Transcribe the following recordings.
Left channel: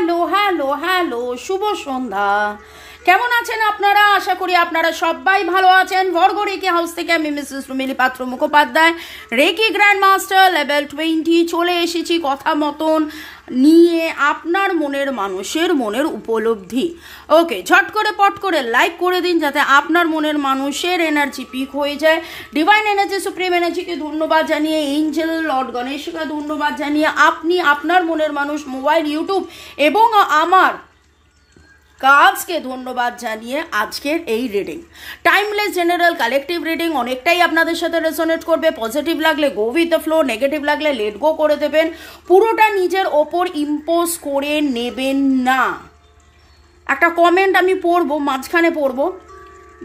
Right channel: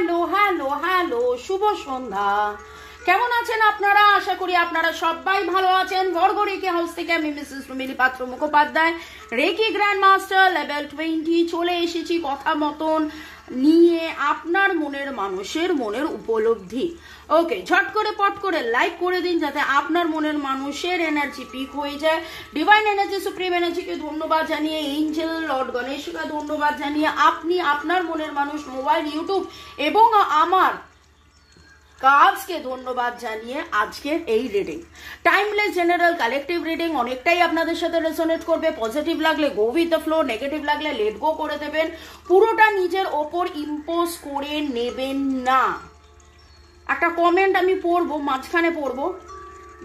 Hello hello hello, শুভ সন্ধ্যা। কেমন আছেন আপনারা? আশা করি আপনারা সবাই ভালো আছেন। ভরগড়িকি হাউস থেকে আমি Mrs Rumili Patra Mukhopadhyay, reiki grand master level 20 চলে এসেছি কথা মতন নিয়ে আপনার মনের মানুষের মনের উপলব্ধি। ওকে, ঝট করে পট করে লাইক করে দিন যাতে আপনার মনের মানুষের এনার্জি পিক হয়ে যায়। ডিভাইন এনার্জি, সুপ্রিম এনার্জিকে ধন্যবাদ জানিয়ে, এঞ্জেল লর্ড গণেশকে ধন্যবাদ জানিয়ে আপনি আপনার মনের মানুষ মোবাইল, ইউটিউব এবং আমার কাজকে ধন্যবাদ জানিয়ে আজকের এই reading timeless general collective reading অনেকটাই আপনাদের সাথে রেজোনেট করবে। পজিটিভ লাগলে go with the flow, negative লাগলে লেট গো করে দেবেন। পুরোটা নিজের ওপর ইম্পোজ করে নেবেন না। একটা কমেন্ট আমি পড়বো, মাঝখানে পড়বো,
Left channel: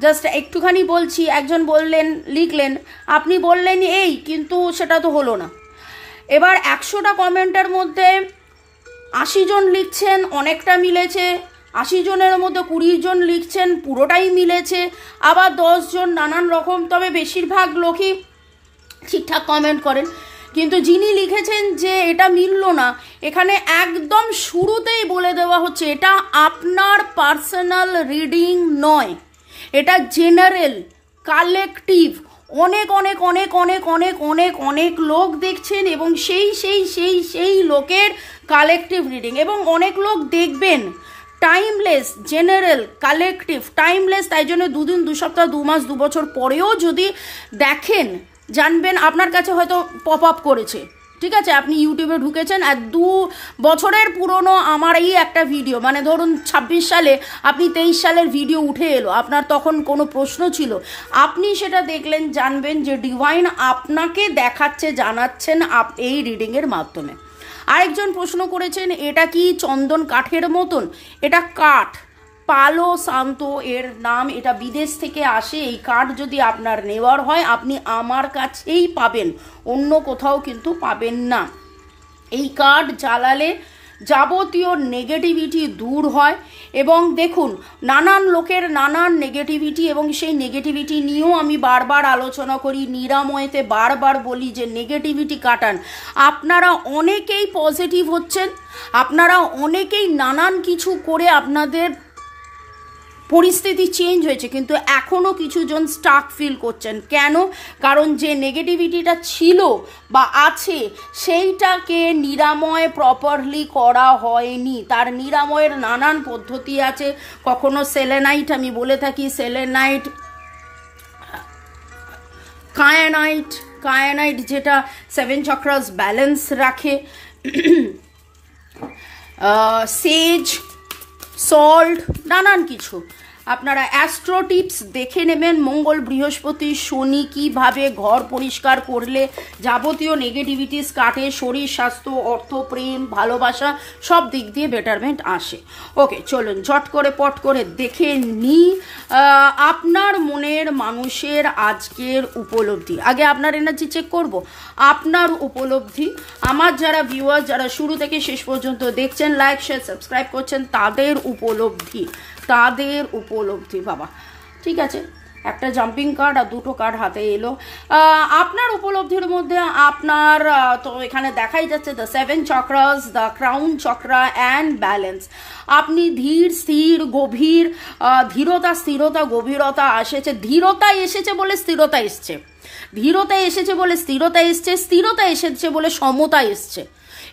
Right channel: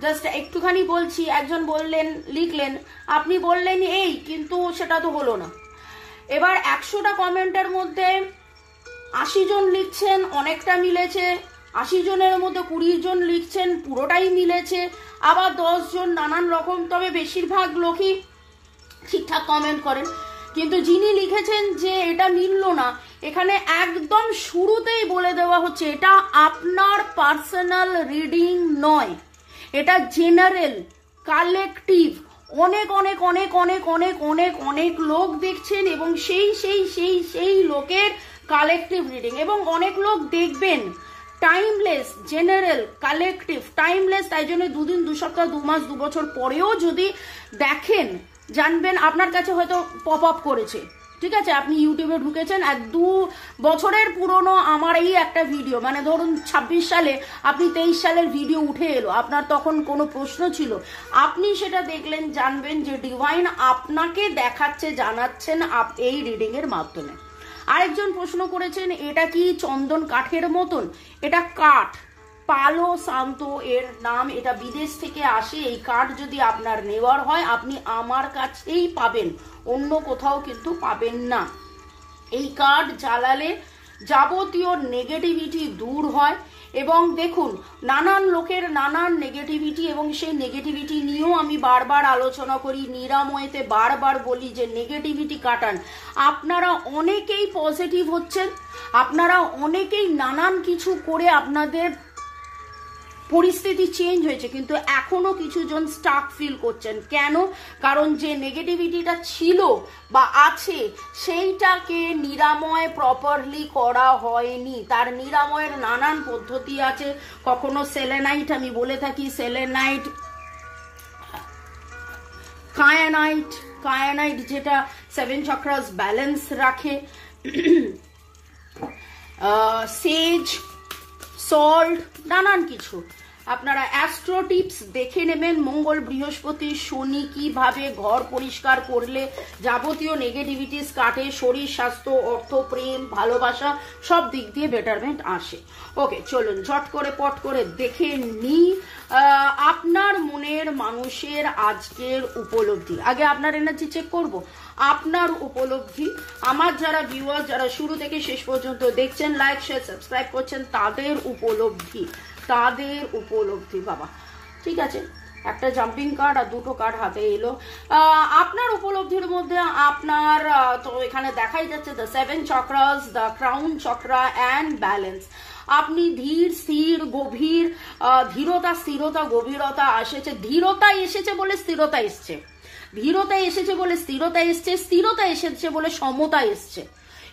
জাস্ট একটুখানি বলছি। একজন বললেন, লিখলেন, আপনি বললেন এই, কিন্তু সেটা তো হলো না। এবার 100টা কমেন্টের মধ্যে 80 জন লিখছেন অনেকটা মিলেছে, 80 জনের মধ্যে 20 জন লিখছেন পুরোটাই মিলেছে, আবার 10 জন নানান রকম। তবে বেশিরভাগ লোকই ঠিকঠাক কমেন্ট করেন। কিন্তু যিনি লিখেছেন যে এটা মিলল না, এখানে একদম শুরুতেই বলে দেওয়া হচ্ছে এটা আপনার পার্সোনাল রিডিং নয়, এটা জেনারেল কালেকটিভ। অনেক অনেক অনেক অনেক অনেক অনেক অনেক লোক দেখছেন এবং সেই লোকের কালেকটিভ রিডিং। এবং অনেক লোক দেখবেন টাইমলেস জেনারেল কালেকটিভ টাইমলেস, তাই জন্য 2 দিন 2 সপ্তাহ 2 মাস 2 বছর পরেও যদি দেখেন জানবেন আপনার কাছে হয়তো পপ আপ করেছে। ঠিক আছে, আপনি ইউটিউবে ঢুকেছেন আর 2 বছরের পুরনো আমার এই একটা ভিডিও, মানে ধরুন 26 সালে আপনি 23 সালের ভিডিও উঠে এলো, আপনার তখন কোনো প্রশ্ন ছিল, আপনি সেটা দেখলেন, জানবেন যে ডিভাইন আপনাকে দেখাচ্ছে, জানাচ্ছেন এই রিডিংয়ের মাধ্যমে। আরেকজন প্রশ্ন করেছেন এটা কি চন্দন কাঠের মতন? এটা কাঠ, পালো সান্তো এর নাম, এটা বিদেশ থেকে আসে। এই কাঠ যদি আপনার নেওয়ার হয় আপনি আমার কাছেই পাবেন, অন্য কোথাও কিন্তু পাবেন না। এই কাঠ জ্বালালে যাবতীয় নেগেটিভিটি দূর হয়। এবং দেখুন, নানান লোকের নানান নেগেটিভিটি, এবং সেই নেগেটিভিটি নিয়েও আমি বারবার আলোচনা করি, নিরাময়েতে বারবার বলি যে নেগেটিভিটি কাটান। আপনারা অনেকেই পজিটিভ হচ্ছেন, আপনারা অনেকেই নানান কিছু করে আপনাদের পরিস্থিতি চেঞ্জ হয়েছে, কিন্তু এখনো কিছু জন স্টাক ফিল করছেন। কেন? কারণ যে নেগেটিভিটিটা ছিল বা আছে সেইটাকে নিরাময় প্রপারলি করা হয়নি। তার নিরাময়ের নানান পদ্ধতি আছে। কখনো সেলেনাইট, আমি বলে থাকি সেলেনাইট, কায়ানাইট যেটা 7 চক্রাস ব্যালেন্স রাখে, সেজ, সল্ট, নানান কিছু। আপনারা অ্যাস্ট্রো টিপস দেখে নেবেন। মঙ্গল, বৃহস্পতি, শনি কিভাবে ঘর পরিষ্কার করলে যাবতীয় নেগেটিভিটিস কাটে, শরীর, স্বাস্থ্য, অর্থ, প্রেম, ভালোবাসা সব দিক দিয়ে বেটারমেন্ট আসে। ওকে, চলুন ঝট করে পট করে দেখে নিই আপনার মনের মানুষের আজকের উপলব্ধি। আগে আপনার এনার্জি চেক করব, আপনার উপলব্ধি। আমার যারা ভিউয়ার, যারা শুরু থেকে শেষ পর্যন্ত দেখছেন, লাইক শেয়ার সাবস্ক্রাইব করছেন, তাদের উপলব্ধি বাবা। ঠিক আছে, একটা জাম্পিং কার্ড আর 2টো কার্ড হাতে এলো। আপনার উপলব্ধির মধ্যে আপনার তো এখানে দেখাই যাচ্ছে the 7 chakras, the crown chakra and balance. আপনি ধীর, স্থির, গভীর, ধীরতা, স্থিরতা, গভীরতা এসেছে। ধীরতা এসেছে বলে স্থিরতা এসছে, ধীরতা এসেছে বলে স্থিরতা এসছে, স্থিরতা এসেছে বলে সমতা এসছে।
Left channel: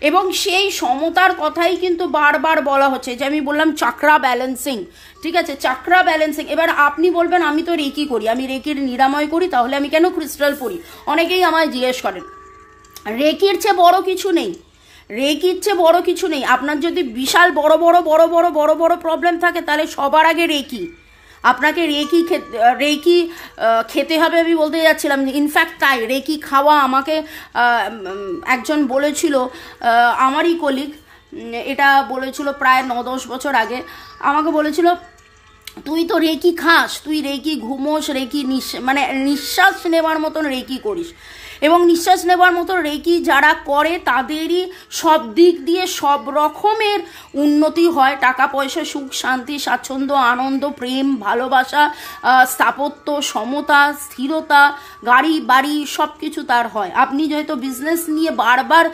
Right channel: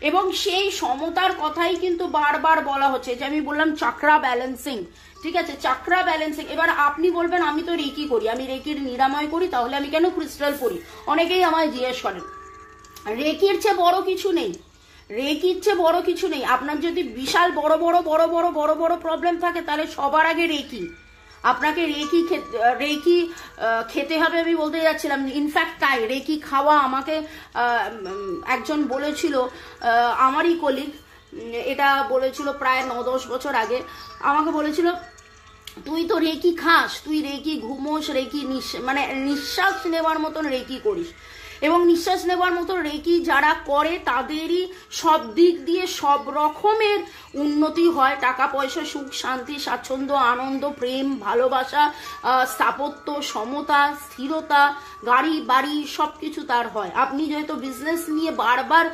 এবং সেই সমতার কথাই কিন্তু বারবার বলা হচ্ছে, যে আমি বললাম চাকরা ব্যালেন্সিং। ঠিক আছে, চাকরা ব্যালেন্সিং। এবার আপনি বলবেন আমি তো রেকি করি, আমি রেকির নিরাময় করি, তাহলে আমি কেন ক্রিস্টাল পরি? অনেকেই আমায় জিজ্ঞেস করেন। রেকির চেয়ে বড় কিছু নেই, রেকির চেয়ে বড় কিছু নেই। আপনার যদি বিশাল বড় বড় প্রবলেম থাকে, তাহলে সবার আগে রেকি। আপনাকে রেকি খেতে হবে আমি বলতে যাচ্ছিলাম। ইনফ্যাক্ট তাই রেকি খাওয়া আমাকে একজন বলেছিল, আমারই কলিগ, এটা বলেছিল প্রায় 9-10 বছর আগে। আমাকে বলেছিল তুই তো রেকি খাস, তুই রেকি ঘুমোস, রেকি মানে নিঃশ্বাস নেওয়ার মতন রেকি করিস। এবং নিঃশ্বাস নেবার মতো রেকি যারা করে তাদেরই সব দিক দিয়ে সব রকমের উন্নতি হয়, টাকা পয়সা, সুখ শান্তি, স্বাচ্ছন্দ্য, আনন্দ, প্রেম, ভালোবাসা, স্থাপত্য, সমতা, স্থিরতা, গাড়ি বাড়ি সব কিছু তার হয়। আপনি যেহেতু বিজনেস নিয়ে বারবার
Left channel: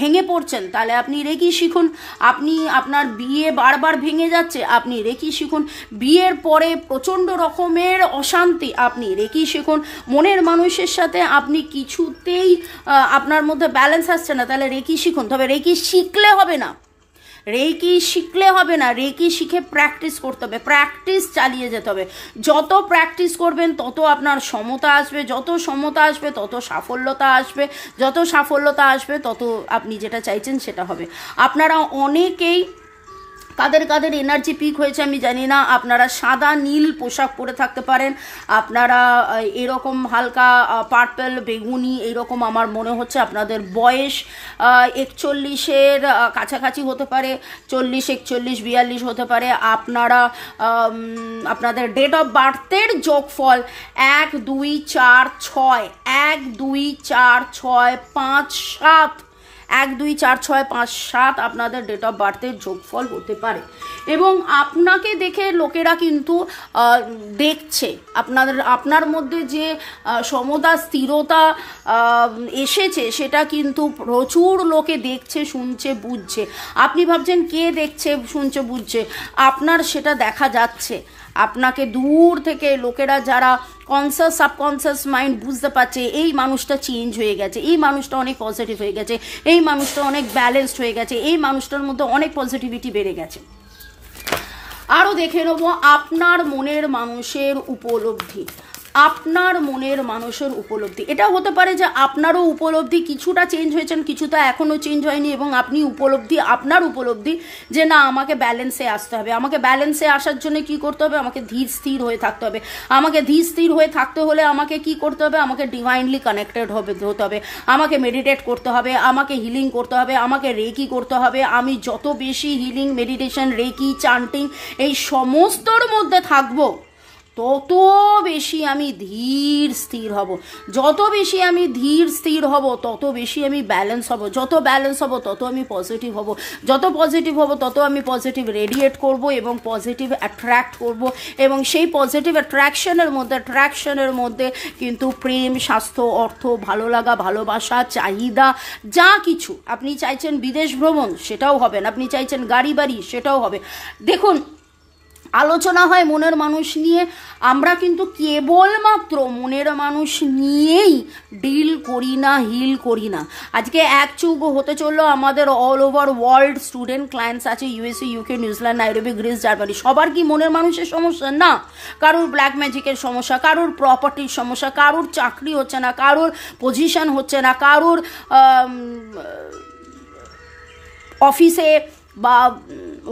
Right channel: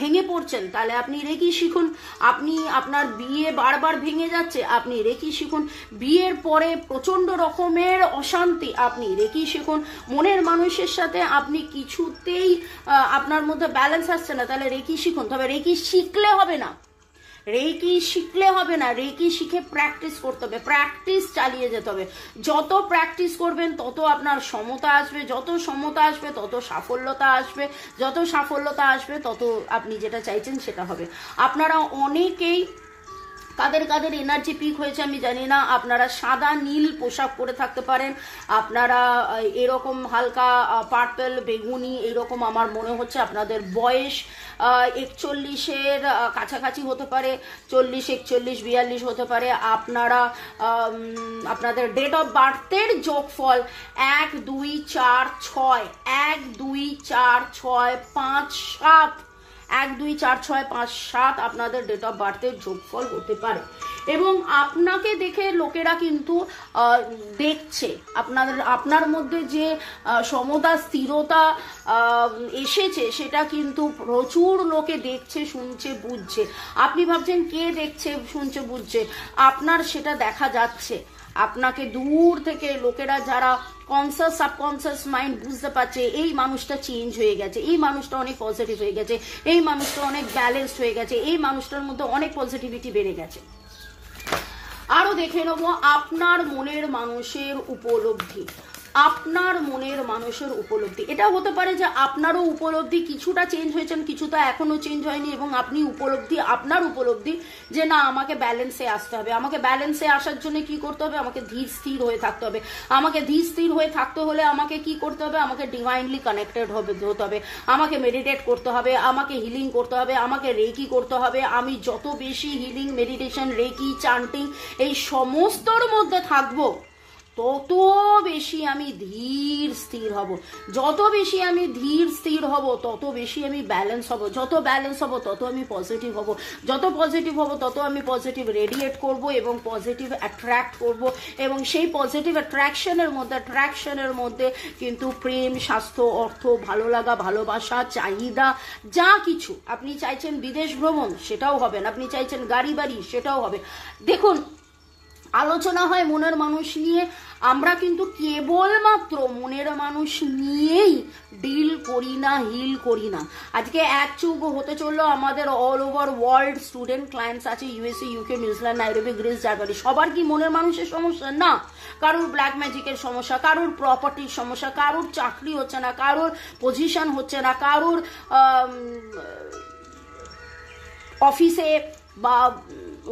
ভেঙে পড়ছেন, তাহলে আপনি রেকি শিখুন। আপনি আপনার বিয়ে বারবার ভেঙে যাচ্ছে, আপনি রেকি শিখুন। বিয়ের পরে প্রচণ্ড রকমের অশান্তি, আপনি রেকি শিখুন। মনের মানুষের সাথে আপনি কিছুতেই আপনার মধ্যে ব্যালেন্স আসছে না, তাহলে রেকি শিখুন। তবে রেকি শিখলে হবে না, রেকি শিখলে হবে না, রেকি শিখে প্র্যাকটিস করতে হবে, প্র্যাকটিস চালিয়ে যেতে হবে। যত প্র্যাকটিস করবেন তত আপনার সমতা আসবে, যত সমতা আসবে তত সাফল্যতা আসবে, যত সাফল্যতা আসবে তত আপনি যেটা চাইছেন সেটা হবে। আপনারা অনেকেই কাদের কাদের এনার্জি পিক হয়েছে আমি জানি না, আপনারা সাদা নীল পোশাক পরে থাকতে পারেন, আপনারা এরকম হালকা পার্পল বেগুনি এরকম, আমার মনে হচ্ছে আপনাদের বয়স 41-এর কাছাকাছি হতে পারে, 40, 41, 42 হতে পারে। আপনারা আপনাদের ডেট অফ বার্থের যোগফল 1, 2, 4, 6, 1, 2, 4, 6, 5, 7, 1, 2, 4, 6, 5, 7 আপনাদের ডেট অফ বার্থের যোগফল হতে পারে। এবং আপনাকে দেখে লোকেরা কিন্তু দেখছে, আপনার মধ্যে যে সমতা স্থিরতা এসেছে সেটা কিন্তু প্রচুর লোকে দেখছে, শুনছে, বুঝছে। আপনি ভাবছেন কে দেখছে, শুনছে, বুঝছে, আপনার সেটা দেখা যাচ্ছে। আপনাকে দূর থেকে লোকেরা যারা কনসাস সাবকনসাস মাইন্ড বুঝতে পারছে এই মানুষটা চেঞ্জ হয়ে গেছে, এই মানুষটা অনেক পজিটিভ হয়ে গেছে, এই মানুষটা অনেক ব্যালেন্সড হয়ে গেছে, এই মানুষটার মধ্যে অনেক পজিটিভিটি বেড়ে গেছে। আরও দেখে নেব আপনার মনের মানুষের উপলব্ধি, আপনার মনের মানুষের উপলব্ধি। এটা হতে পারে যে আপনারও উপলব্ধি কিছুটা চেঞ্জ হয়েছেন, কিছুটা এখনও চেঞ্জ হয়নি, এবং আপনি আপনার উপলব্ধি যে না আমাকে ব্যালেন্সে আসতে হবে। আমাকে ব্যালেন্সে আসার জন্য কি করতে হবে? আমাকে ধীর স্থির হয়ে থাকতে হবে। আমাকে ধীর স্থির হয়ে থাকতে হলে আমাকে কি করতে হবে? আমাকে ডিভাইনলি কানেক্টেড হতে হবে, আমাকে মেডিটেট করতে হবে, আমাকে হিলিং করতে হবে, আমাকে রেকি করতে হবে। আমি যত বেশি হিলিং, মেডিটেশন, রেকি, চান্টিং এই সমস্তর মধ্যে থাকবো তত বেশি আমি ধীর স্থির হব। যত বেশি আমি ধীর স্থির হব তত বেশি আমি ব্যালেন্স হব। যত ব্যালেন্স হব তত আমি পজিটিভ হব। যত পজিটিভ হব তত আমি পজিটিভ রেডিয়েট করব এবং পজিটিভ অ্যাট্রাক্ট করব। এবং সেই পজিটিভ অ্যাট্রাকশনের মধ্যে কিন্তু প্রেম, স্বাস্থ্য, অর্থ, ভালো লাগা, ভালোবাসা, চাহিদা যা কিছু আপনি চাইছেন, বিদেশ ভ্রমণ সেটাও হবে, আপনি চাইছেন গাড়ি বাড়ি সেটাও হবে। দেখুন, আলোচনা হয় মনের মানুষ নিয়ে, আমরা কিন্তু কেবলমাত্র মনের মানুষ নিয়েই ডিল করি না, হিল করি না। আজকে এক চৌকো হতে চললো আমাদের all over world student clients আছে, USA, UK, New Zealand, Nairobi, Greece, Germany. সবার কি মনের মানুষের সমস্যা? না। কারোর ব্ল্যাক ম্যাজিকের সমস্যা, কারোর প্রপার্টির সমস্যা, কারোর চাকরি হচ্ছে না, কারোর পজিশন হচ্ছে না, কারোর অফিসে বা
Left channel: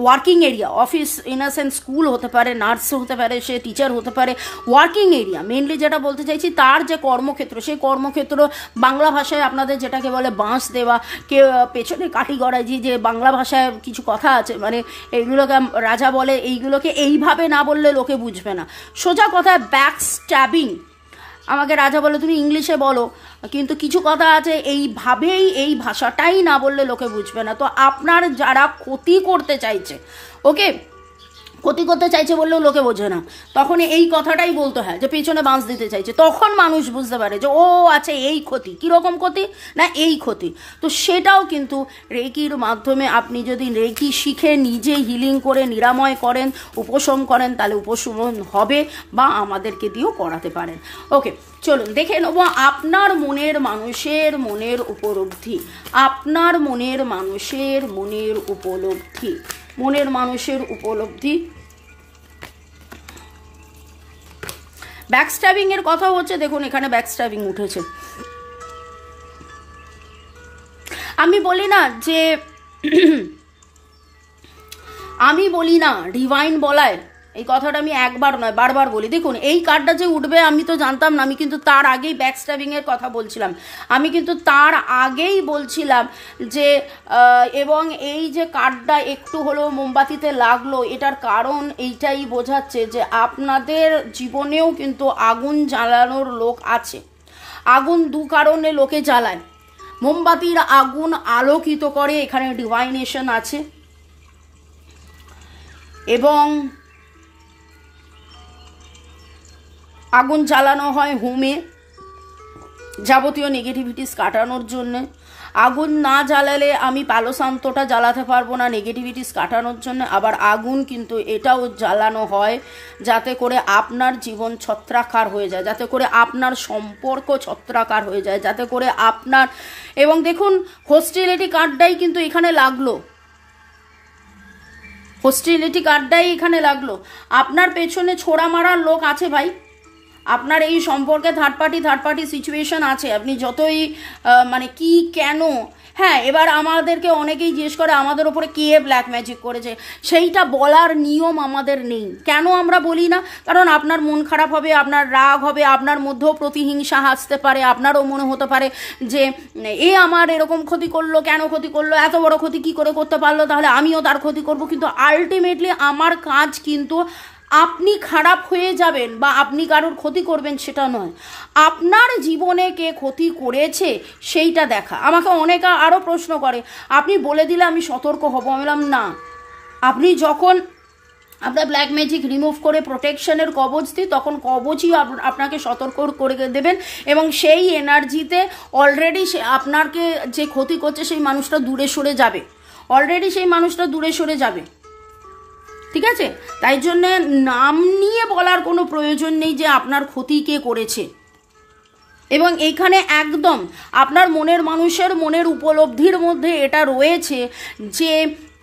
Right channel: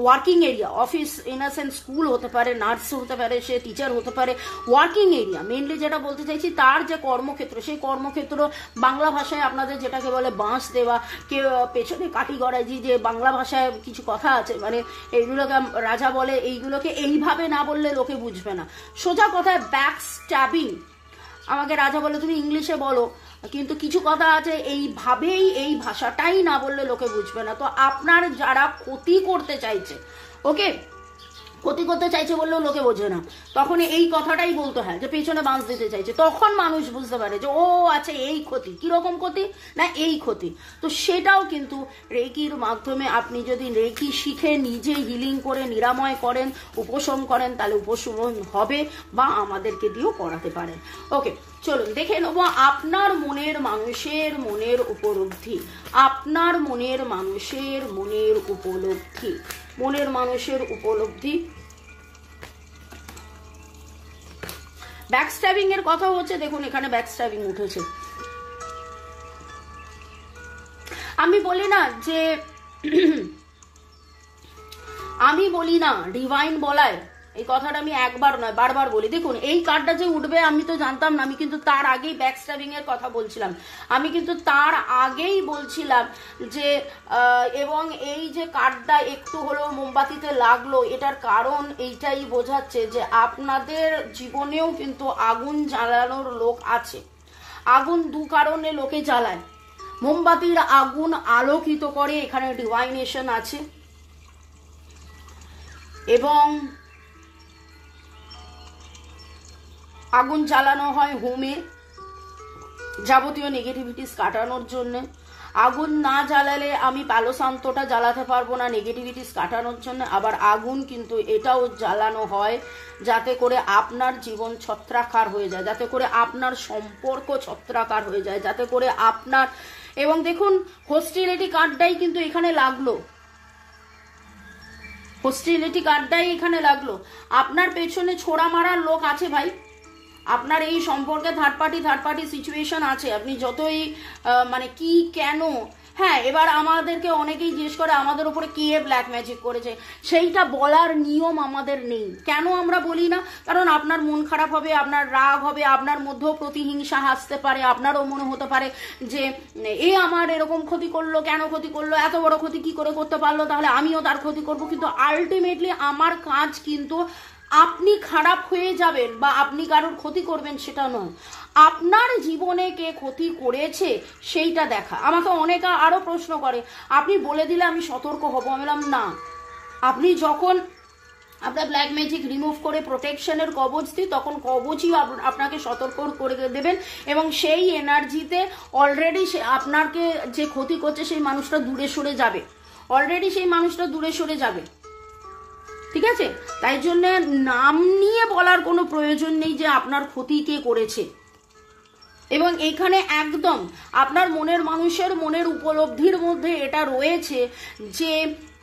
working area, office in a sense school হতে পারে, নার্স হতে পারে, সে টিচার হতে পারে, ওয়ার্কিং এরিয়া মেনলি যেটা বলতে চাইছি, তার যে কর্মক্ষেত্র, সেই কর্মক্ষেত্র বাংলা ভাষায় আপনাদের যেটাকে বলে বাঁশ দেওয়া, কেউ পেছনে কাঠি গড়াইজি, যে বাংলা ভাষায় কিছু কথা আছে, মানে এইগুলোকে রাজা বলে, এইগুলোকে এইভাবে না বললে লোকে বুঝবে না। সোজা কথায় ব্যাক স্ট্যাবিং। আমাকে রাজা বলে তুমি ইংলিশে বলো, কিন্তু কিছু কথা আছে এইভাবেই, এই ভাষাটাই না বললে লোকে বুঝবে না। তো আপনার যারা ক্ষতি করতে চাইছে, ওকে, ক্ষতি করতে চাইছে বললেও লোকে বোঝে না, তখন এই কথাটাই বলতে হয় যে পেছনে বাঁশ দিতে চাইছে, তখন মানুষ বুঝতে পারে যে ও আছে এই ক্ষতি। কীরকম ক্ষতি? না এই ক্ষতি। তো সেটাও কিন্তু রেকির মাধ্যমে আপনি যদি রেকি শিখে নিজে হিলিং করে নিরাময় করেন, উপশম করেন, তাহলে উপশম হবে, বা আমাদেরকে দিয়েও করাতে পারেন। ওকে, চলুন দেখে নেব আপনার মনের মানুষের মনের উপলব্ধি, আপনার মনের মানুষের মনের উপলব্ধি, মনের মানুষের উপলব্ধি। ব্যাকস্ট্যাবিং এর কথা হচ্ছে, দেখুন এখানে ব্যাকস্ট্যাবিং উঠেছে। আমি বলি না যে আমি বলি না ডিভাইন বলায়, এই কথাটা আমি একবার নয় বারবার বলি। দেখুন এই কার্ডটা যে উঠবে আমি তো জানতাম না, আমি কিন্তু তার আগেই ব্যাকস্ট্যাবিং এর কথা বলছিলাম, আমি কিন্তু তার আগেই বলছিলাম যে এবং এই যে কার্ডটা একটু হলেও মোমবাতিতে লাগলো, এটার কারণ এইটাই বোঝাচ্ছে যে আপনাদের জীবনেও কিন্তু আগুন জ্বালানোর লোক আছে, আগুন দু কারণে লোকে জ্বালায়। মোমবাতির আগুন আলোকিত করে, এখানে ডিভাইনেশন আছে, এবং আগুন জ্বালানো হয় হোমে যাবতীয় নেগেটিভিটিস কাটানোর জন্য। আগুন না জ্বালালে আমি পালো শান্তটা জ্বালাতে পারবো না নেগেটিভিটিস কাটানোর জন্য। আবার আগুন কিন্তু এটাও জ্বালানো হয় যাতে করে আপনার জীবন ছত্রাকার হয়ে যায়, যাতে করে আপনার সম্পর্ক ছত্রাকার হয়ে যায়, যাতে করে আপনার, এবং দেখুন হোস্টিলিটি কার্ডটাই কিন্তু এখানে লাগলো, হোস্টিলিটি কার্ডটাই এখানে লাগলো। আপনার পেছনে ছোড়া মারার লোক আছে ভাই, আপনার এই সম্পর্কে থার্ড পার্টি সিচুয়েশন আছে। আপনি যতই মানে কি কেন, হ্যাঁ এবার আমাদেরকে অনেকেই জিজ্ঞেস করে আমাদের উপরে কে ব্ল্যাক ম্যাজিক করেছে, সেইটা বলার নিয়ম আমাদের নেই। কেন আমরা বলি না? কারণ আপনার মন খারাপ হবে, আপনার রাগ হবে, আপনার মধ্যেও প্রতিহিংসা আসতে পারে, আপনারও মনে হতে পারে যে এ আমার এরকম ক্ষতি করলো, কেন ক্ষতি করলো, এত বড় ক্ষতি কি করে করতে পারলো, তাহলে আমিও তার ক্ষতি করব। কিন্তু আলটিমেটলি আমার কাজ কিন্তু আপনি খারাপ হয়ে যাবেন বা আপনি কারোর ক্ষতি করবেন সেটা নয়, আপনার জীবনে কে ক্ষতি করেছে সেইটা দেখা। আমাকে অনেকে আরও প্রশ্ন করে আপনি বলে দিলে আমি সতর্ক হব। আমি বললাম না, আপনি যখন আপনার ব্ল্যাক ম্যাজিক রিমুভ করে প্রোটেকশনের কবচ দিই তখন কবচই আপনাকে সতর্ক করে দেবেন, এবং সেই এনার্জিতে অলরেডি আপনাকে যে ক্ষতি করছে সেই মানুষটা দূরে সরে যাবে, অলরেডি সেই মানুষটা দূরে সরে যাবে। ঠিক আছে, তাই জন্যে নাম নিয়ে বলার কোনো প্রয়োজন নেই যে আপনার ক্ষতি কে করেছে। এবং এইখানে একদম আপনার মনের মানুষের মনের উপলব্ধির মধ্যে এটা রয়েছে যে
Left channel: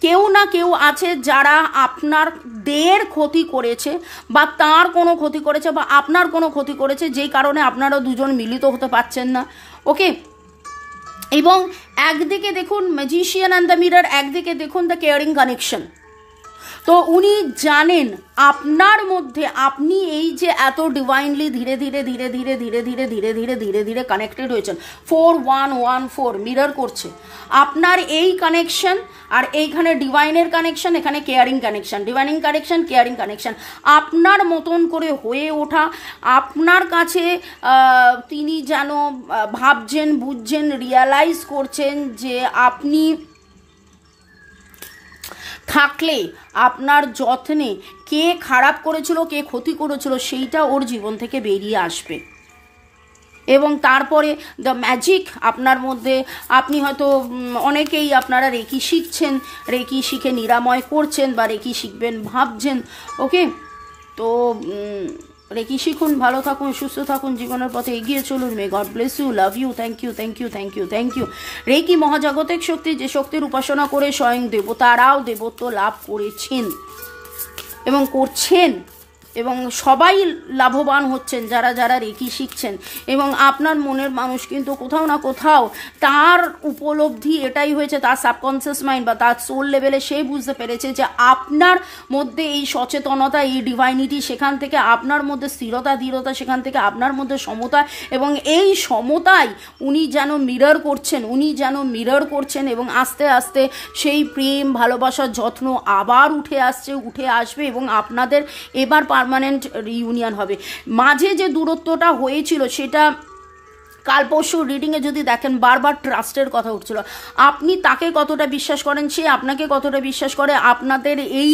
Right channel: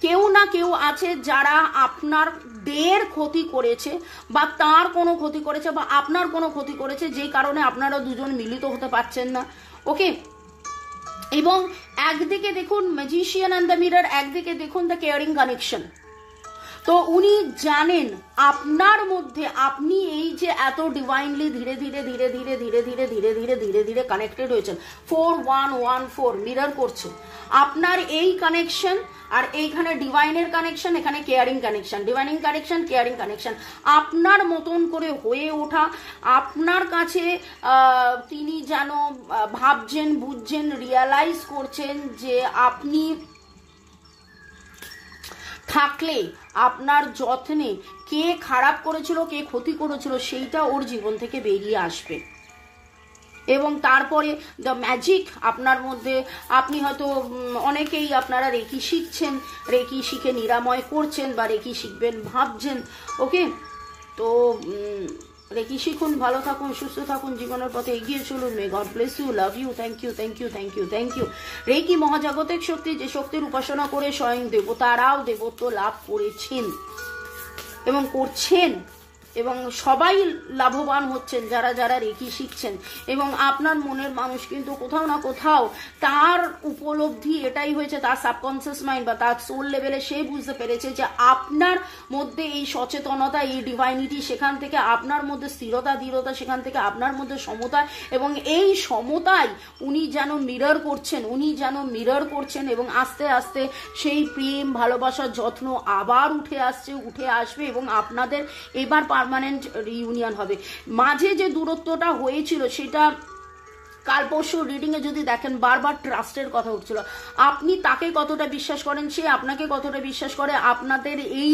কেউ না কেউ আছে যারা আপনার দের ক্ষতি করেছে বা তার কোনো ক্ষতি করেছে বা আপনার কোনো ক্ষতি করেছে, যেই কারণে আপনারা দুজন মিলিত হতে পারছেন না। ওকে, এবং একদিকে দেখুন ম্যাজিশিয়ান অ্যান্ড দ্য মিরর, একদিকে দেখুন দ্য কেয়ারিং কানেকশন। তো উনি জানেন আপনার মধ্যে আপনি এই যে এত ডিভাইনলি ধীরে ধীরে ধীরে ধীরে ধীরে ধীরে ধীরে ধীরে ধীরে ধীরে কানেক্টেড হয়েছেন, 4114 মিরর করছে আপনার এই কানেকশন। আর এইখানে ডিভাইনের কানেকশন, এখানে caring connection, divining connection, caring connection. আপনার মতন করে হয়ে ওঠা, আপনার কাছে তিনি যেন ভাবছেন, বুঝছেন, রিয়ালাইজ করছেন যে আপনি থাকলে আপনার যত্নে কে খারাপ করেছিল, কে ক্ষতি করেছিল সেইটা ওর জীবন থেকে বেরিয়ে আসবে। এবং তারপরে দ্য ম্যাজিক আপনার মধ্যে, আপনি হয়তো অনেকেই আপনারা রেকি শিখছেন, রেকি শিখে নিরাময় করছেন বা রেকি শিখবেন ভাবছেন। ওকে, তো রেকি শিখুন, ভালো থাকুন, সুস্থ থাকুন, জীবনের পথে এগিয়ে চলুন। May God bless you, love you, thank you, thank you, thank you, thank you. Reiki মহাজাগতিক শক্তি, যে শক্তির উপাসনা করে স্বয়ং দেবতারাও দেবত্ব লাভ করেছেন এবং করছেন, এবং সবাই লাভবান হচ্ছেন যারা যারা রেকি শিখছেন। এবং আপনার মনের মানুষ কিন্তু কোথাও না কোথাও তার উপলব্ধি এটাই হয়েছে, তার সাবকনসিয়াস মাইন্ড বা তার সোল লেভেলে সে বুঝতে পেরেছে যে আপনার মধ্যে এই সচেতনতা, এই ডিভাইনিটি, সেখান থেকে আপনার মধ্যে স্থিরতা, দৃঢ়তা, সেখান থেকে আপনার মধ্যে সমতা, এবং এই সমতায় উনি যেন মিরর করছেন, উনি যেন মিরর করছেন। এবং আস্তে আস্তে সেই প্রেম, ভালোবাসার যত্ন আবার উঠে আসবে এবং আপনাদের এবার পার্মানেন্ট রিইউনিয়ন হবে। মাঝে যে দূরত্বটা হয়েছিল সেটা কাল পরশু রিডিংয়ে যদি দেখেন বারবার ট্রাস্টের কথা উঠছিল। আপনি তাকে কতটা বিশ্বাস করেন, সে আপনাকে কতটা বিশ্বাস করে, আপনাদের এই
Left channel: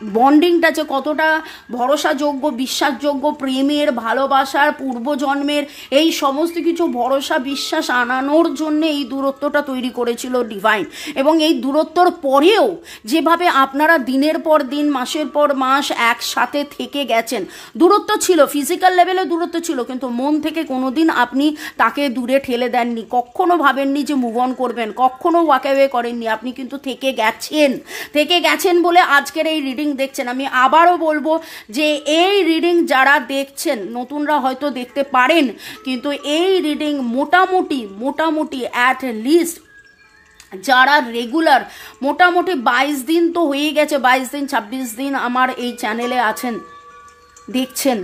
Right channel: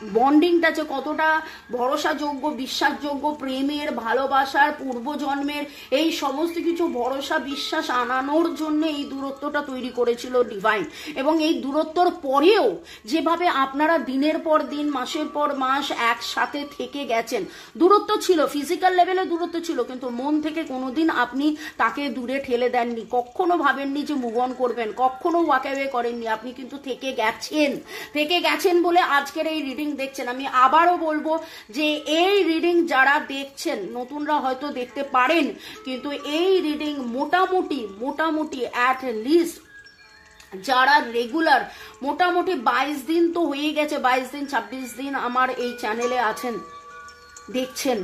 বন্ডিংটা যে কতটা ভরসাযোগ্য, বিশ্বাসযোগ্য, প্রেমের, ভালোবাসার, পূর্বজন্মের এই সমস্ত কিছু ভরসা বিশ্বাস আনানোর জন্য এই দূরত্বটা তৈরি করেছিল ডিভাইন। এবং এই দূরত্বর পরেও যেভাবে আপনারা দিনের পর দিন, মাসের পর মাস একসাথে থেকে গেছেন, দূরত্ব ছিল, ফিজিক্যাল লেভেলে দূরত্ব ছিল, কিন্তু মন থেকে কোনোদিন আপনি তাকে দূরে ঠেলে দেননি, কখনো ভাবেননি যে মুভ অন করবেন, কখনো ওয়াক অ্যাওয়ে করেননি। আপনি কিন্তু থেকে গেছেন বলে আজকের এই রিডিং দেখছেন। আমি আবারও বলবো যে এই রিডিং যারা দেখছেন, নতুনরা হয়তো দেখতে পারেন, কিন্তু এই রিডিং মোটামুটি অ্যাট লিস্ট যারা রেগুলার, মোটামুটি 22 দিন তো হয়ে গেছে, 22 দিন 26 দিন আমার এই চ্যানেলে আছেন, দেখছেন।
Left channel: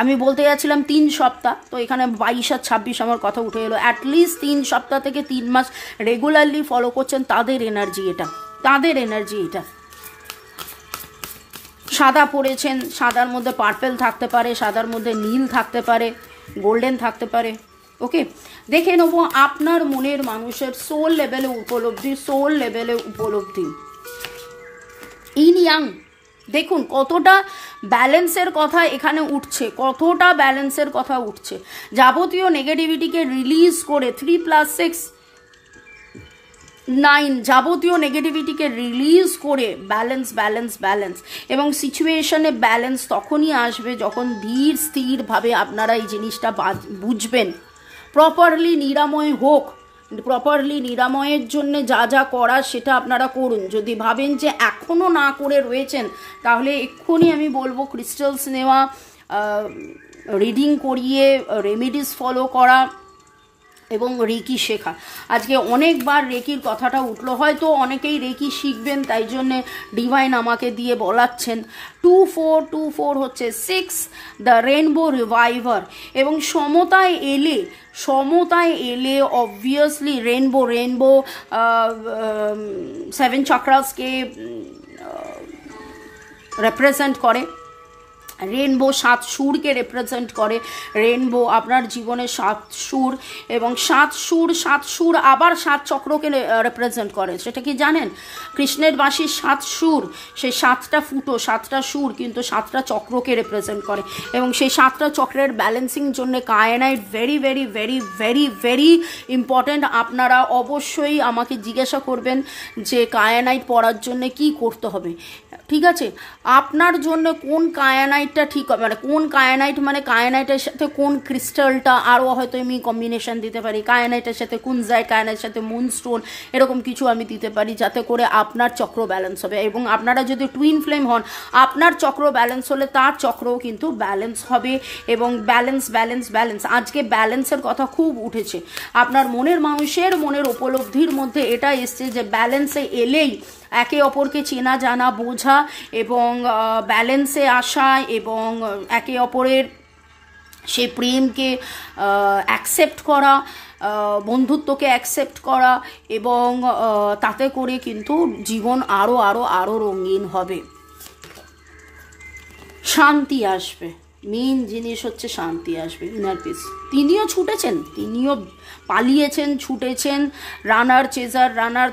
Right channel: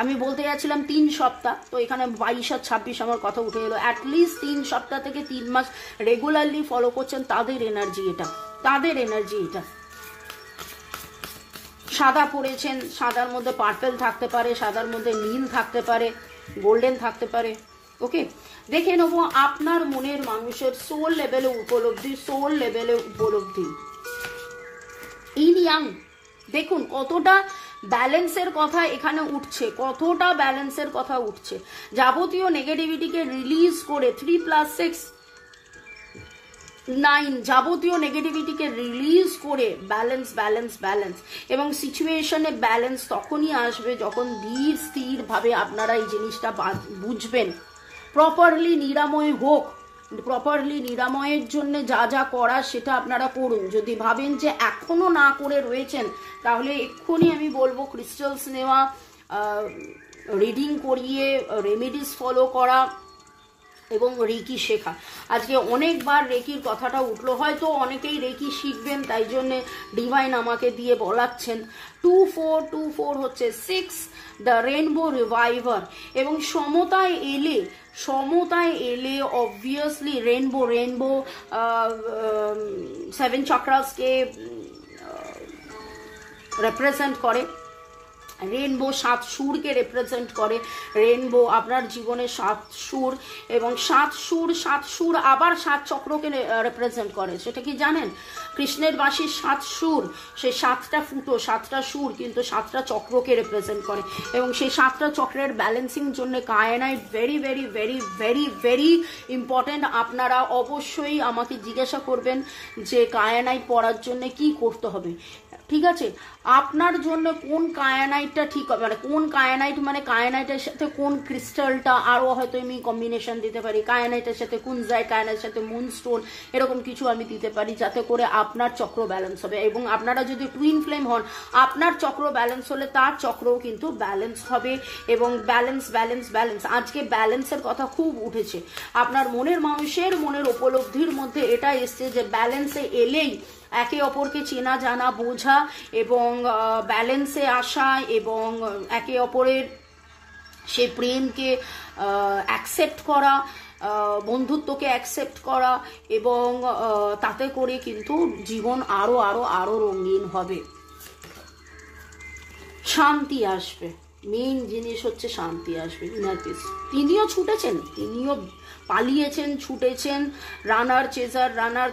আমি বলতে যাচ্ছিলাম 3 সপ্তাহ, তো এখানে 22 আর 26 আমার কথা উঠে এলো। অ্যাটলিস্ট 3 সপ্তাহ থেকে 3 মাস রেগুলারলি ফলো করছেন, তাদের এনার্জি এটা। সাদা পরেছেন, সাদার মধ্যে পার্পেল থাকতে পারে, সাদার মধ্যে নীল থাকতে পারে, গোল্ডেন থাকতে পারে। ওকে, দেখে নেবো আপনার মনের মানুষের সোল লেভেলে উপলব্ধি, সোল লেভেলে উপলব্ধি। ইন ইয়াং দেখুন কতটা ব্যালেন্সের কথা এখানে উঠছে, কতটা ব্যালেন্সের কথা উঠছে। যাবতীয় নেগেটিভিটিকে রিলিজ করে 3+6 9 যাবতীয় নেগেটিভিটিকে রিলিজ করে ব্যালেন্স ব্যালেন্স ব্যালেন্স। এবং সিচুয়েশনে ব্যালেন্স তখনই আসবে যখন ধীর স্থিরভাবে আপনারা এই জিনিসটা বুঝবেন। প্রপারলি নিরাময় হোক, প্রপারলি নিরাময়ের জন্য যা যা করা সেটা আপনারা করুন। যদি ভাবেন যে এখনও না করে রয়েছেন, তাহলে এক্ষুনি আমি বলবো ক্রিস্টালস নেওয়া, রিডিং করিয়ে রেমেডিস ফলো করা এবং রেকি শেখা। আজকে অনেকবার রেকির কথাটা উঠলো, হয়তো অনেকেই রেকি শিখবেন, তাই জন্যে ডিভাইন আমাকে দিয়ে বলাচ্ছেন। 2424 হচ্ছে 6 দ্য রেনবো রিভাইভার। এবং সমতায় এলে অবভিয়াসলি রেনবো 7 চক্রাসকে রিপ্রেজেন্ট করে, রেনবো 7 সুরকে রিপ্রেজেন্ট করে। রেনবো আপনার জীবনে 7 সুর, এবং 7 সুর আবার 7 চক্রকে রিপ্রেজেন্ট করে। সেটা কি জানেন? কৃষ্ণের বাঁশির 7 সুর, সেই 7টা ফুটো, 7টা সুর কিন্তু 7টা চক্রকে রিপ্রেজেন্ট করে। এবং সেই 7টা চক্রের ব্যালেন্সিং জন্য kyanite very very very very very important. আপনারা অবশ্যই আমাকে জিজ্ঞাসা করবেন যে কায়ানাইট পড়ার জন্য কি করতে হবে। ঠিক আছে, আপনার জন্য কোন কায়ানাইটটা ঠিক হবে, মানে কোন কায়ানাইট, মানে কায়ানাইটের সাথে কোন ক্রিস্টালটা, আরও হয়তো আমি কম্বিনেশন দিতে পারি। কায়ানাইটের সাথে কুনজাইট, কায়ানাইটের সাথে মুনস্টোন, এরকম কিছু আমি দিতে পারি যাতে করে আপনার চক্র ব্যালেন্স হবে। এবং আপনারা যদি টুইন ফ্লেম হন, আপনার চক্র ব্যালেন্স হলে তার চক্রও কিন্তু ব্যালেন্স হবে। এবং ব্যালেন্স ব্যালেন্স ব্যালেন্স, আজকে ব্যালেন্সের কথা খুব উঠেছে। আপনার মনের মানুষের মনের উপলব্ধির মধ্যে এটা এসছে যে ব্যালেন্সে এলেই একে অপরকে চেনা জানা বোঝা এবং ব্যালেন্সে আসা এবং একে অপরের সে প্রেমকে অ্যাকসেপ্ট করা, বন্ধুত্বকে অ্যাকসেপ্ট করা, এবং তাতে করে কিন্তু জীবন আরও আরও আরও রঙিন হবে, শান্তি আসবে। মেইন জিনিস হচ্ছে শান্তি আসবে, ইনার পিস। তিনিও ছুটেছেন, তিনিও পালিয়েছেন, ছুটেছেন। রানার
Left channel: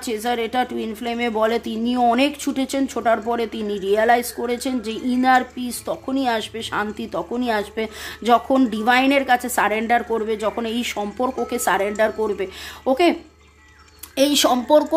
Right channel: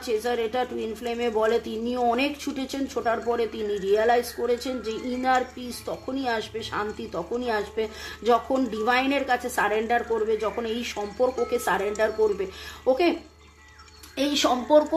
চেজার এটা টুইন ফ্লেমে বলে। তিনিও অনেক ছুটেছেন, ছোটার পরে তিনি রিয়েলাইজ করেছেন যে ইনার পিস তখনই আসবে, শান্তি তখনই আসবে যখন ডিভাইনের কাছে সারেন্ডার করবে, যখন এই সম্পর্ককে সারেন্ডার করবে। ওকে, এই সম্পর্ক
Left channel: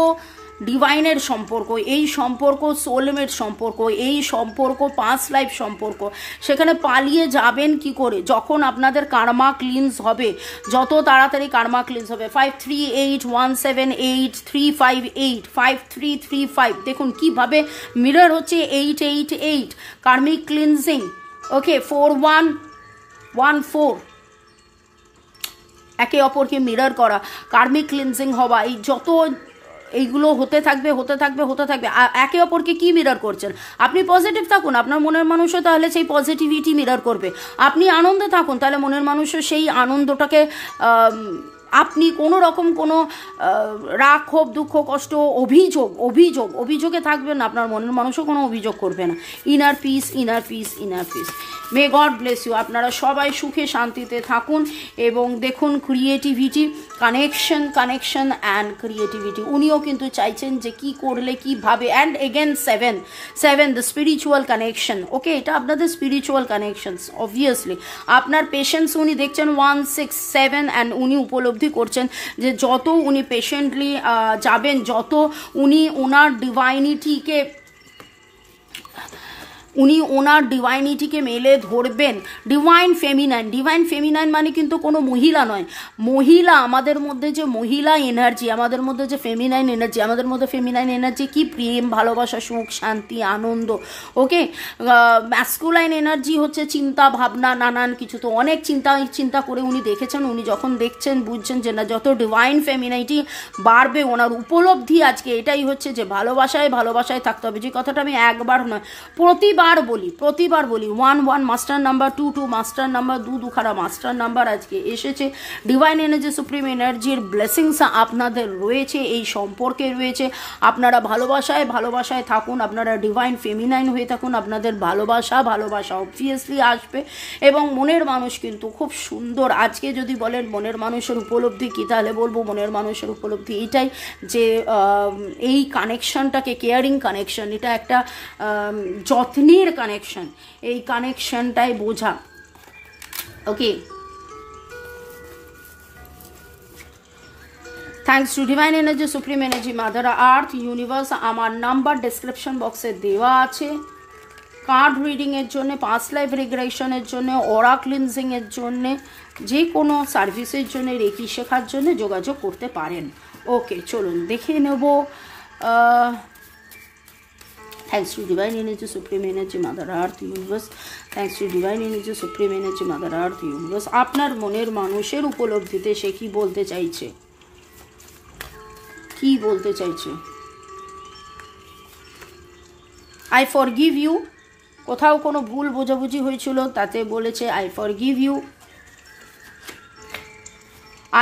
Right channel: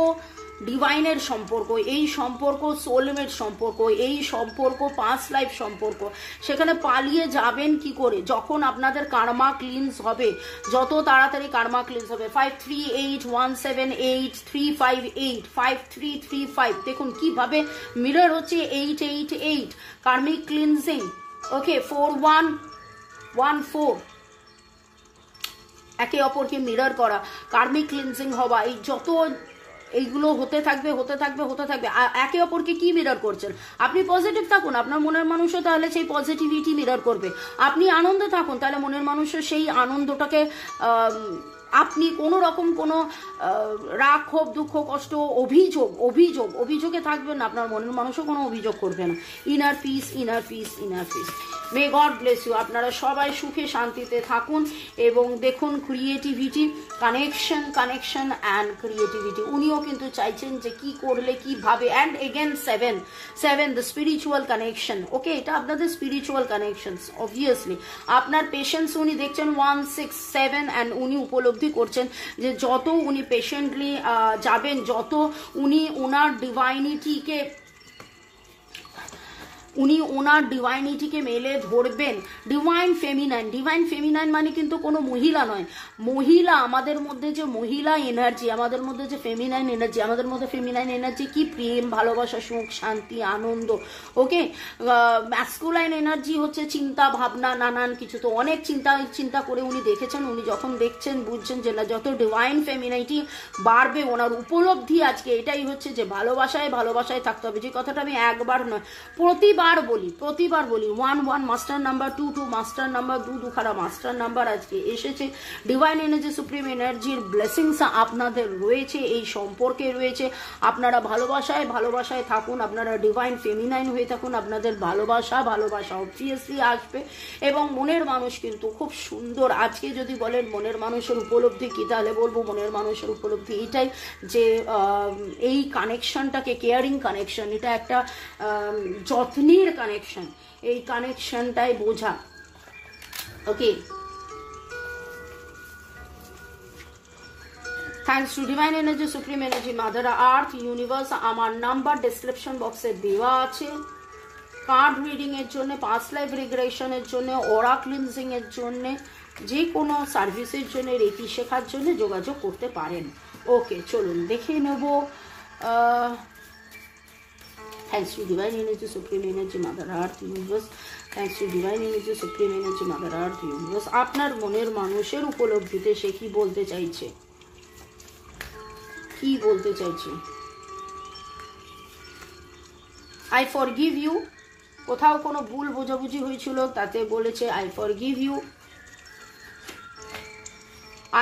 ডিভাইনের সম্পর্ক, এই সম্পর্ক সোলমেট সম্পর্ক, এই সম্পর্ক পাস্ট লাইফ সম্পর্ক। সেখানে পালিয়ে যাবেন কি করে? যখন আপনাদের কার্মা ক্লিনস হবে, যত তাড়াতাড়ি কার্মা ক্লিনস হবে। 53817835 5335, দেখুন কিভাবে মিরর হচ্ছে 888 কার্মিক ক্লিনজিং। ওকে, 4114 একে অপরকে মিরর করা, কার্মিক ক্লিনজিং হওয়া, এই যত এইগুলো হতে থাকবে একে অপরকে কি মিরর করছেন? আপনি পজিটিভ থাকুন, আপনার মনের মানুষও তাহলে সেই পজিটিভিটি মিরর করবে। আপনি আনন্দে থাকুন, তাহলে মনের মানুষও সেই আনন্দটাকে, আপনি কোনো রকম কোনো রাগ, ক্ষোভ, দুঃখ, কষ্ট, অভিযোগে থাকবেন না, আপনার মনের মানুষও কোনো অভিযোগ করবে না। Inner peace, inner peace, inner peace. May God bless you. আপনারা সবাই সুখে শান্তিতে থাকুন এবং দেখুন ক্রিয়েটিভিটি, কানেকশন অ্যান্ড ক্রিয়েটিভিটি। উনিও কিন্তু চাইছেন যে কি করলে কিভাবে। And again 7 the spiritual connection. Okay, এটা আপনাদের স্পিরিচুয়াল কানেকশনস। অবভিয়াসলি আপনার পেশেন্স উনি দেখছেন 1 6 7, অ্যান্ড উনি উপলব্ধি করছেন যে যত উনি পেশেন্টলি যাবেন, যত উনি ওনার ডিভাইনিটিকে মেলে ধরবেন। ডিভাইন ফেমিনাইন মানে কিন্তু কোনো মহিলা নয়। মহিলা, আমাদের মধ্যে যে মহিলা এনার্জি, আমাদের মধ্যে যে ফেমিনাইন এনার্জি, আমাদের মধ্যে ফেমিনাইন এনার্জি কি? প্রেম, ভালোবাসা, সুখ, শান্তি, আনন্দ। ওকে, ম্যাসকুলাইন এনার্জি হচ্ছে চিন্তা ভাবনা, নানান কিছু। তো অনেক চিন্তা করে উনি দেখেছেন, উনি যখন দেখছেন বুঝছেন যে না, যত ডিভাইন ফেমিনাইটি বাড়বে, ওনার উপলব্ধি আজকে এটাই হচ্ছে যে ভালোবাসায় থাকতে হবে। যে কথাটা আমি একবার নয়, প্রতিবার প্রতিবার বলি 1 মাস্টার নাম্বার, 2 মাস্টার নাম্বার, 2 খারা মাস্টার নাম্বার আজকে এসেছে। ডিভাইন এনার্জি, সুপ্রিম এনার্জির ব্লেসিংস আপনাদের রয়েছে, এই সম্পর্কে রয়েছে। আপনারা ভালোবাসায় থাকুন, আপনারা ডিভাইন ফেমিনাইন হয়ে থাকুন, আপনাদের ভালোবাসা অবভিয়াসলি আসবে। এবং মনের মানুষ কিন্তু খুব সুন্দর। আজকে যদি বলেন মনের মানুষের উপলব্ধি কী, তাহলে বলবো মনের মানুষের উপলব্ধি এটাই যে এই কানেকশনটাকে, কেয়ারিং কানেকশন, এটা একটা যত্নের কানেকশন, এই কানেকশনটাই বোঝা। Okay, thanks to divine energy, supreme energy, mother earth, universe. আমার নাম্বার ডেসক্রিপশন বক্সে দেওয়া আছে। কার্ড রিডিং এর জন্য, পাস্ট লাইফ রিগ্রেশনের জন্য, অরা ক্লিনজিং এর জন্য, যে কোনো সার্ভিসের জন্য, রেকি শেখার জন্য যোগাযোগ করতে পারেন। ওকে, চলুন দেখে নেব। Thanks to Divine Energy, Supreme Energy, Mother Earth, Universe. Thanks to Divine Energy, Supreme Energy, Mother Earth, Universe. আপনার মনের মানুষের উপলব্ধিতে সে কি বলতে চাইছে, I forgive you. কোথাও কোনো ভুল বোঝাবুঝি হয়েছিল, তাতে বলেছে I forgive you.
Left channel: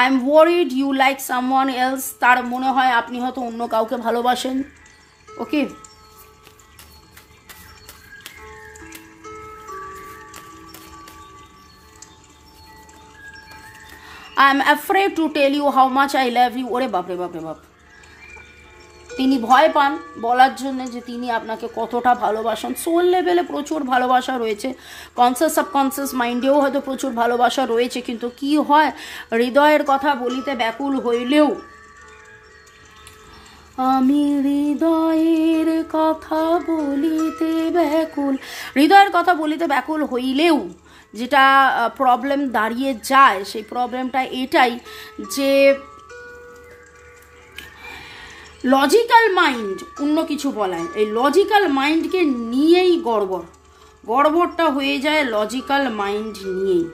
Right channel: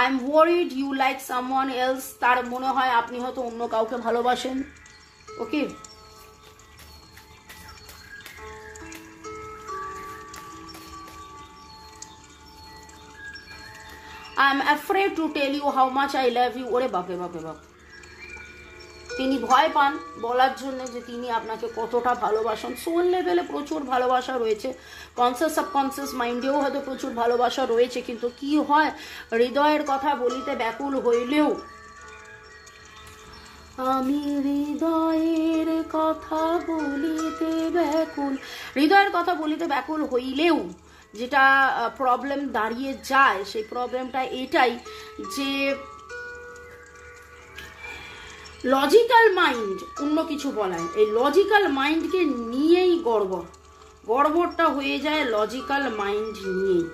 I am worried you like someone else. তার মনে হয় আপনি হয়তো অন্য কাউকে ভালোবাসেন। ওকে, I am afraid to tell you how much I love you. ওরে বাপরে বাপ, তিনি ভয় পান বলার জন্য যে তিনি আপনাকে কতটা ভালোবাসেন। সোল লেভেলে প্রচুর ভালোবাসা রয়েছে, কনসিয়াস সাবকনসিয়াস মাইন্ডেও হয়তো প্রচুর ভালোবাসা রয়েছে, কিন্তু কি হয়, হৃদয়ের কথা বলিতে ব্যাকুল হইলেও, আমি হৃদয়ের কথা বলিতে ব্যাকুল হইলেও যেটা প্রবলেম দাঁড়িয়ে যায়, সেই প্রবলেমটা এটাই যে লজিক্যাল মাইন্ড অন্য কিছু বলায়, এই লজিক্যাল মাইন্ডকে নিয়েই গড়বড়টা হয়ে যায় লজিক্যাল মাইন্ড নিয়েই।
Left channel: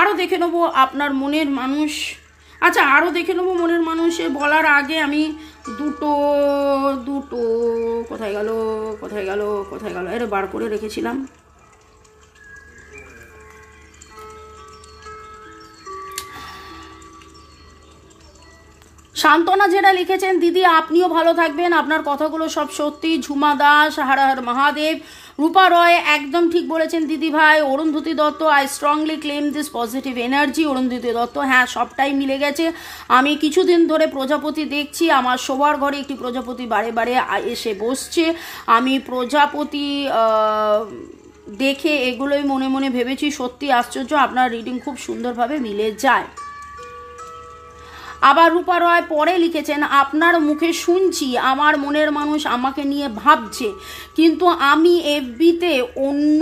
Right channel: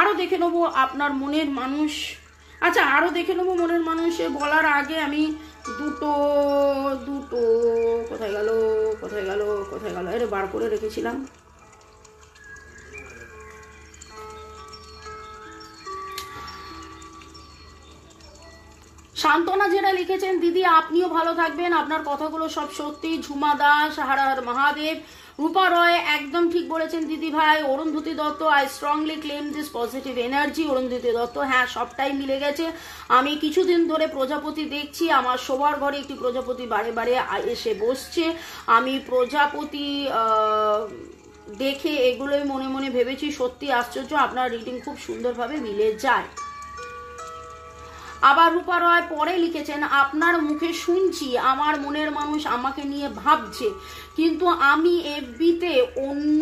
আরো দেখে নেবো আপনার মনের মানুষ। আচ্ছা, আরো দেখে নেবো মনের মানুষে বলার আগে আমি দুটো কোথায় গেল এর বার করে রেখেছিলাম। শান্তনা যেটা লিখেছেন, দিদি আপনিও ভালো থাকবেন, আপনার কথাগুলো সব সত্যি। ঝুমা দাস, হর হর মহাদেব। রূপা রয় একদম ঠিক বলেছেন দিদি ভাই। Arundhati Dutta, I strongly claim this positive energy. Arundhati Dutta, হ্যাঁ সবটাই মিলে গেছে। আমি কিছুদিন ধরে প্রজাপতি দেখছি, আমার শোবার ঘরে একটি প্রজাপতি বারে বারে এসে বসছে। আমি প্রজাপতি দেখে এগুলোই মনে মনে ভেবেছি, সত্যি আশ্চর্য, আপনার রিডিং খুব সুন্দরভাবে মিলে যায়। আবার রূপা রয় পরে লিখেছেন, আপনার মুখে শুনছি আমার মনের মানুষ আমাকে নিয়ে ভাবছে, কিন্তু আমি এফবিতে অন্য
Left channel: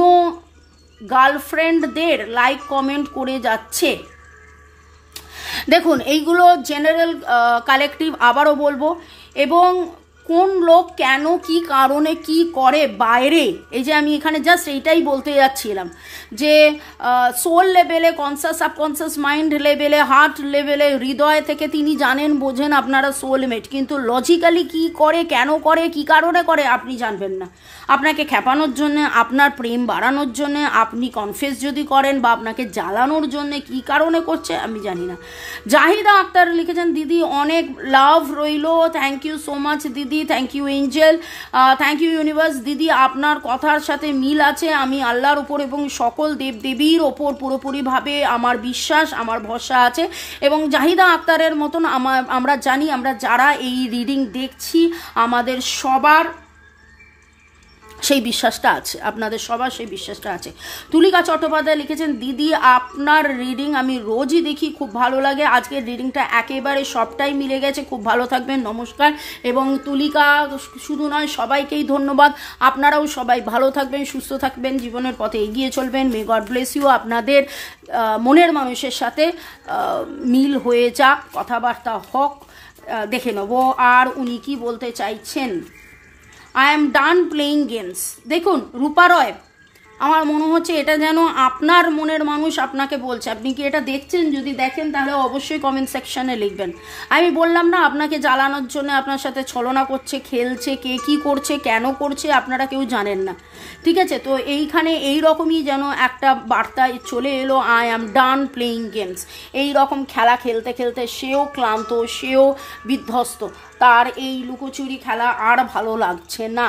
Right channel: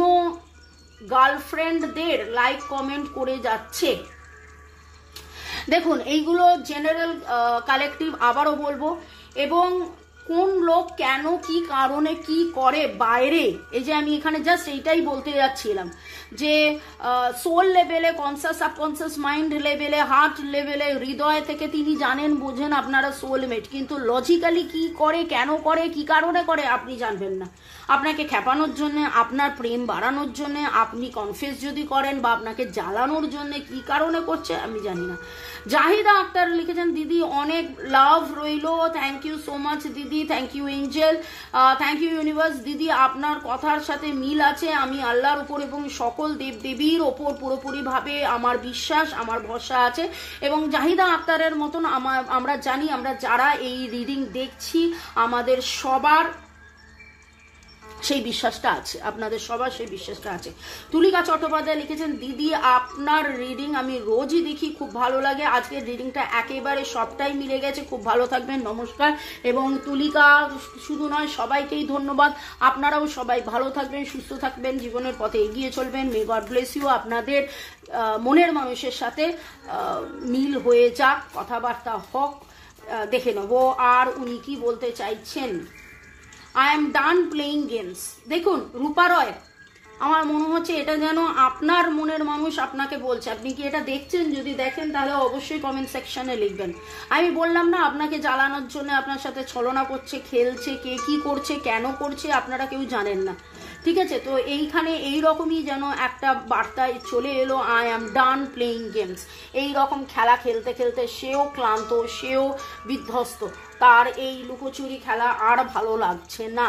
গার্লফ্রেন্ডদের লাইক কমেন্ট করে যাচ্ছে। দেখুন, এইগুলো জেনারেল কালেকটিভ, আবারও বলবো, এবং কোন লোক কেন কি কারণে কি করে বাইরে, এই যে আমি এখানে জাস্ট এইটাই বলতে যাচ্ছিলাম যে সোল লেভেলে, কনসিয়াস সাবকনসিয়াস মাইন্ড লেভেলে, হার্ট লেভেলে, হৃদয় থেকে তিনি জানেন বোঝেন আপনারা সোলমেট, কিন্তু লজিক্যালি কি করে, কেন করে, কি কারণে করে আপনি জানবেন না। আপনাকে খেপানোর জন্য, আপনার প্রেম বাড়ানোর জন্য, আপনি কনফেস যদি করেন, বা আপনাকে জ্বালানোর জন্য কি কারণে করছে আমি জানি না। জাহিদা আক্তার লিখেছেন, দিদি অনেক লাভ রইল, থ্যাংক ইউ সো মাচ দিদি, thank you angel, thank you universe. দিদি আপনার কথার সাথে মিল আছে, আমি আল্লাহর উপর এবং সকল দেবদেবীর ওপর পুরোপুরিভাবে আমার বিশ্বাস, আমার ভরসা আছে। এবং জাহিদা আক্তারের মতন আমরা জানি, আমরা যারা এই রিডিং দেখছি, আমাদের সবার সেই বিশ্বাসটা আছে, আপনাদের সবার সেই বিশ্বাসটা আছে। তুলিকা চট্টোপাধ্যায় লিখেছেন, দিদি আপনার রিডিং আমি রোজই দেখি, খুব ভালো লাগে, আজকের রিডিংটা একেবারে সবটাই মিলে গেছে, খুব ভালো থাকবেন, নমস্কার। এবং তুলিকা শুধু নয়, সবাইকেই ধন্যবাদ। আপনারাও সবাই ভালো থাকবেন, সুস্থ থাকবেন, জীবনের পথে এগিয়ে চলবেন। May God bless you. আপনাদের মনের মানুষের সাথে মিল হয়ে যাক, কথাবার্তা হোক, দেখে নেব আর উনি কি বলতে চাইছেন। I am done playing games. দেখুন রূপা রয়, আমার মনে হচ্ছে এটা যেন আপনার মনের মানুষ আপনাকে বলছে। আপনি কি এটা দেখছেন? যদি দেখেন তাহলে অবশ্যই কমেন্ট সেকশনে লিখবেন। আমি বললাম না আপনাকে জ্বালানোর জন্য আপনার সাথে ছলনা করছে, খেলছে, কে কি করছে, কেন করছে আপনারা কেউ জানেন না, ঠিক আছে? তো এইখানে এই রকমই যেন একটা বার্তা চলে এলো, I am done playing games. এই রকম খেলা খেলতে খেলতে সেও ক্লান্ত, সেও বিধ্বস্ত, তার এই লুকোচুরি খেলা আর ভালো লাগছে না।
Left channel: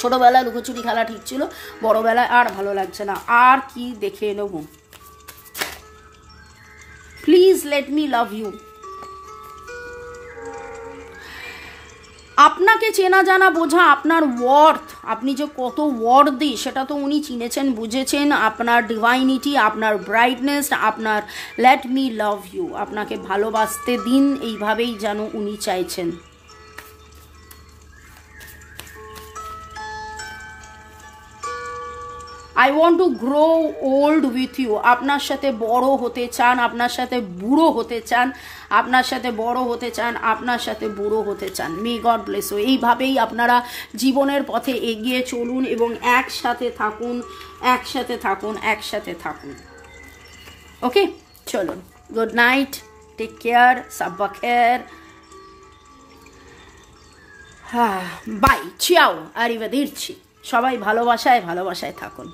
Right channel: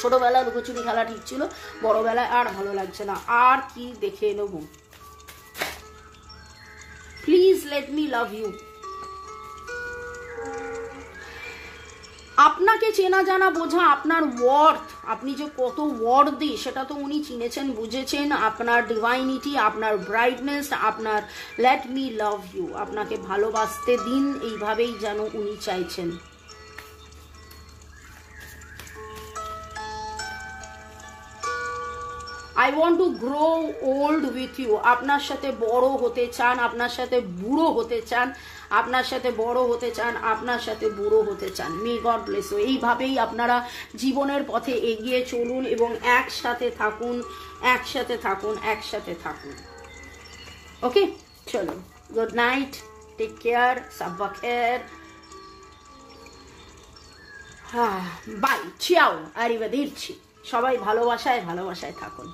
ছোটবেলায় লুকোচুরি খেলা ঠিক ছিল, বড়বেলায় আর ভালো লাগছে না। আর কি দেখে নেব? Please let me love you. আপনাকে চেনা জানা বোঝা, আপনার ওয়ার্থ, আপনি যে কত ওয়ার্থ দিই সেটা তো উনি চিনেছেন, বুঝেছেন। আপনার ডিভাইনিটি, আপনার ব্রাইটনেস, আপনার লেট মি লাভ ইউ, আপনাকে ভালোবাসতে দিন, এইভাবেই যেন উনি চাইছেন। I want to grow old with you, আপনার সাথে বড় হতে চান, আপনার সাথে বুড়ো হতে চান, আপনার সাথে বড় হতে চান, আপনার সাথে বুড়ো হতে চান। May God bless you. এইভাবেই আপনারা জীবনের পথে এগিয়ে চলুন এবং একসাথে থাকুন, একসাথে থাকুন, একসাথে থাকুন। ওকে, চলো, গুড নাইট, টেক কেয়ার, সাব্বা খের, বাই, চিয়াও, আরিভেদেরচি। সবাই ভালোবাসায় ভালোবাসায় থাকুন।